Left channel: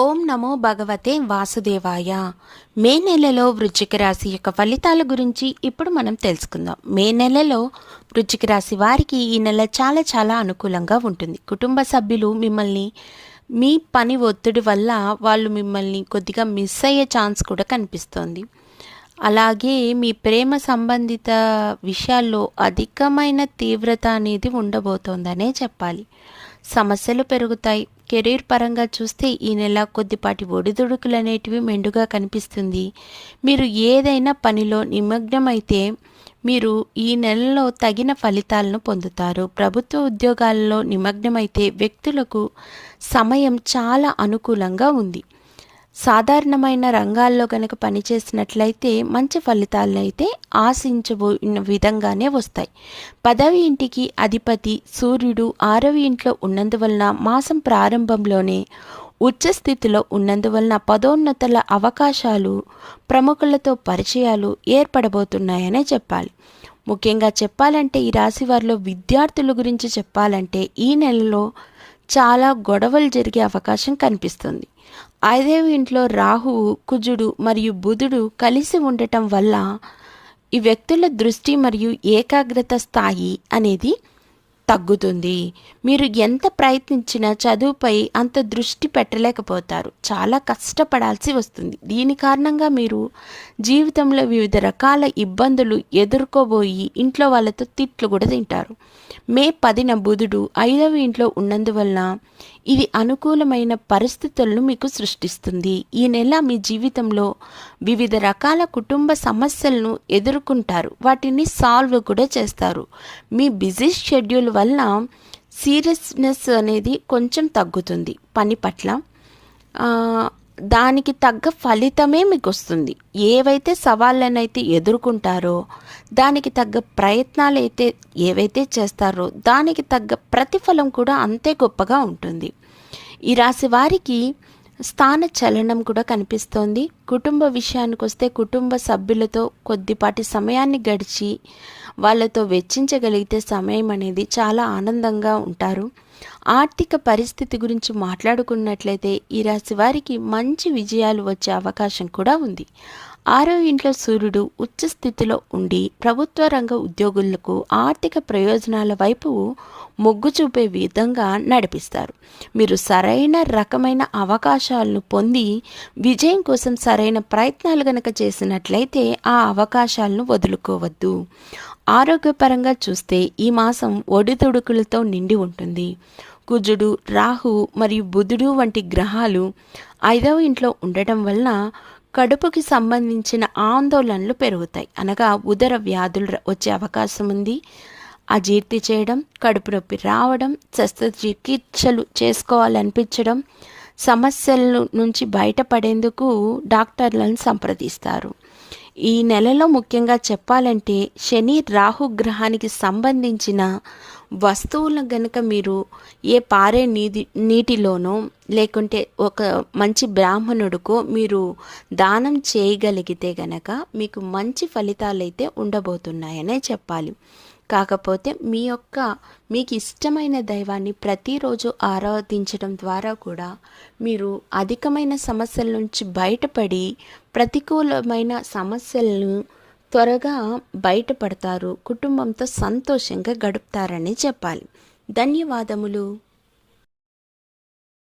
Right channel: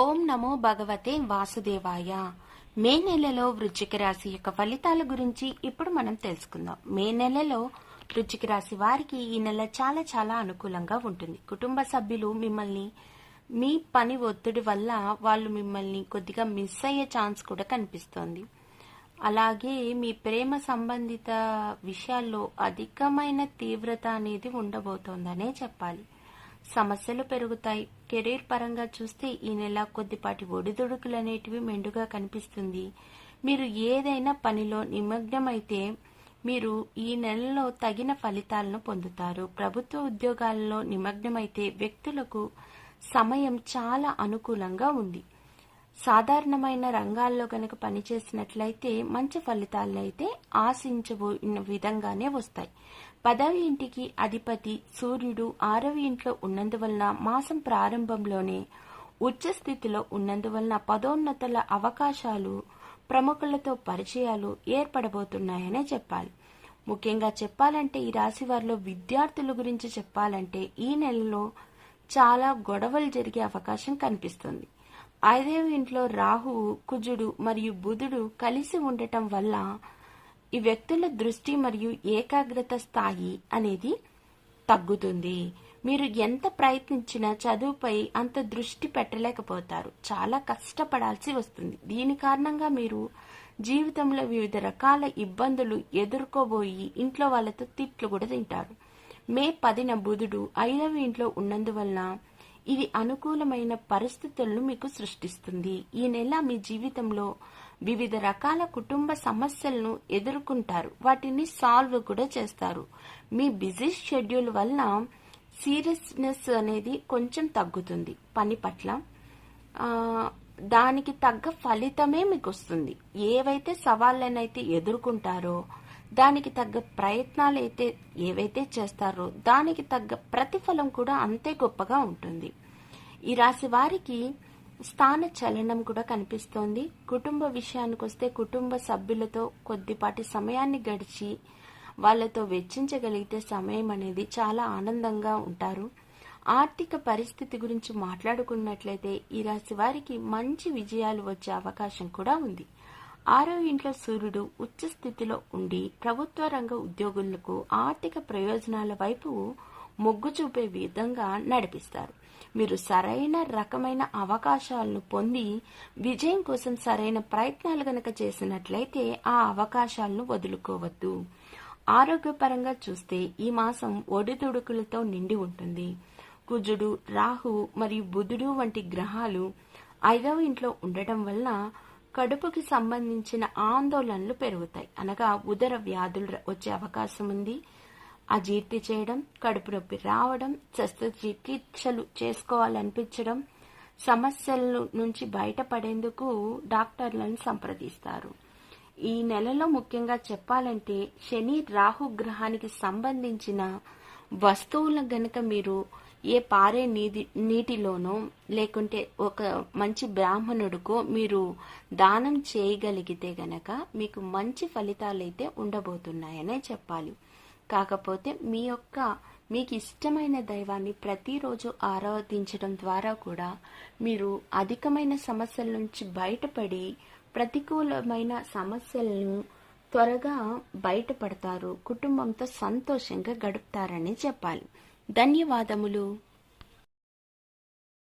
ఓం నమో భగవతే వాసుదేవాయ. మే నెలలో వృశ్చిక రాశి యొక్క ఫలితాల గురించి ఇప్పుడు మనం తెలుసుకుందాం. మే నెలలో వృశ్చిక రాశి వారికి ఈ నెల చాలా చాలా అనుకూలంగా ఉంటుంది. కుటుంబ సభ్యులు మిమ్మల్ని మీ పని ఒత్తిడి వల్ల వాళ్ళు మిమ్మల్ని కొద్దిగా మిస్ అయ్యే ఛాన్స్ కూడా కనిపిస్తోంది. అలాగే మీ ప్రేమ సంబంధిత విషయాల్లో అధికమైన తీవ్రత అనేది ఉండబోతోందనే చెప్పాలి. సమస్యలు పెరుగుతాయి. కెరీర్ పరంగా చూస్తే ఈ నెల కొద్దిపాటి ఒడిదుడుకులు అనేటివి మెండుగా కనిపిస్తుంది. మీరు ఏదైనా పనిలో నిమగ్నమైతే మీరు ఈ నెలలో తగిన ఫలితాలను పొందుతారు. ప్రభుత్వ ఉద్యోగాలలో నిమగ్నమైతే వ్యక్తులకు సమయం చాలా అనుకూలంగా ఉంది. సాధారణమైన రంగాల్లో కనుక పనిచేసినట్లయితే మంచి ఫలితాలను అయితే ఆశించబోయిన విధంగానే వస్తాయి. 10వ ఇంటికి అధిపతి సూర్యుడు 6వ ఇంట్లో ఉన్నందువలన మాసం ప్రారంభంలోనే ఉచ్చస్థితిలో ఉన్నందువలన పదోన్నతుల అవకాశాలు, ప్రముఖులతో పరిచయాలు ఏర్పడబోతున్నాయనే చెప్పాలి. ముఖ్యంగా చెప్పాలంటే ఈ రాశి వారిలో విద్యార్థుల గురించి చెప్పాలంటే ఈ నెలలో చాలా గొడవలు జరిగే అవకాశం కనిపిస్తుంది. 5వ ఇంట్లో రాహువు, కుజుడు మరియు బుధుడు కలిసి ఉండటం వల్ల ఈ వ్యక్తుల దృష్టి మరియు ఏకాగ్రత స్థాయి అనేది తగ్గుతుంది. మీరు ఎంత ప్రయత్నించినా చదువుపై అంత దృష్టి పెట్టలేకపోతారు. చాలా కష్టపడాల్సి వస్తుంది. దీని కారణంగా మీరు జీవితంలో వివిధ రకాల ఇబ్బందులు ఎదుర్కోబోయి ఇంట్లో వాళ్ళతో తిట్లు కూడా తింటారు. మే 10న బుధుడు 5వ ఇంట్లో ఉన్నందువలన ఇది అనుకూలమైన పరిస్థితులను మీకు సృష్టిస్తుంది. ఈ నెల మీ జీవితంలో వివిధ రకాల కుటుంబ సమస్యలను ఎదుర్కొంటారు. వాటిని సాల్వ్ కూడా చేస్తారు. మీ బిజీ షెడ్యూల్ వలన సీరియస్నెస్ అనేది కొంచెం తగ్గుతుంది. పని పట్ల దానికి తగ్గ ఫలితమే మీకు వస్తుంది. ఏవైతే సవాళ్ళనైతే ఎదుర్కొంటారో దానికి తగ్గ ప్రయత్నాలు అయితే ఏవైతే చేస్తారో దానికి తగ్గ ప్రతిఫలం కూడా అంతే గొప్పగా ఉంటుంది. ఈ రాశి వారికి స్థాన చలనం కూడా కనిపిస్తోంది. కుటుంబ విషయానికి వస్తే కుటుంబ సభ్యులతో కొద్దిపాటి సమయాన్ని గడిచి వాళ్ళతో వెచ్చించగలిగితే సమయం అనేది చాలా ఆనందంగా ఉంటారు. ఆర్థిక పరిస్థితి గురించి మాట్లాడుకున్నట్లయితే ఈ రాశి వారికి మంచి విజయాలు వచ్చే అవకాశం కూడా ఉంది. 6వ ఇంట్లో సూర్యుడు ఉచ్చ స్థితిలో ఉండి ప్రభుత్వ రంగ ఉద్యోగులకు ఆర్థిక ప్రయోజనాల వైపు మొగ్గు చూపే విధంగా నడిపిస్తారు. మీరు సరైన రకమైన అవకాశాలను పొంది విజయం కోసం సరైన ప్రయత్నాలు గనక చేసినట్లయితే ఆ అవకాశాలను వదులుకోవద్దు. ఆరోగ్యపరంగా చూస్తే ఈ మాసం ఒడిదుడుకులతో నిండి ఉంటుంది. కుజుడు, రాహు మరియు బుధుడు వంటి గ్రహాలు 5వ ఇంట్లో ఉండటం వలన కడుపుకి సంబంధించిన ఆందోళనలు పెరుగుతాయి. అనగా ఉదర వ్యాధులు వచ్చే అవకాశం ఉంది. అజీర్తి చేయడం, కడుపు నొప్పి రావడం, శస్త్రచికిత్సలు చేసుకోవాలనిపించడం, సమస్యల నుంచి బయటపడేందుకు డాక్టర్లను సంప్రదిస్తారు. ఈ నెలలో ముఖ్యంగా చెప్పాలంటే శని రాహు గ్రహానికి సంబంధించిన వస్తువులను గనక మీరు ఏ పారే నీటిలోనో లేకుంటే ఒక మంచి బ్రాహ్మణుడికో మీరు దానం చేయగలిగితే గనక మీకు మంచి ఫలితాలు అయితే ఉండబోతున్నాయనే చెప్పాలి. కాకపోతే మీకు ఇష్టమైన దైవాన్ని ప్రతిరోజు ఆరాధించడం ద్వారా కూడా మీరు అధికమైన సమస్యల నుంచి బయటపడి ప్రతికూలమైన సమస్యలను త్వరగా బయటపడతారు. కుటుంబంతో సంతోషంగా గడుపుతారని చెప్పాలి. ధన్యవాదములు.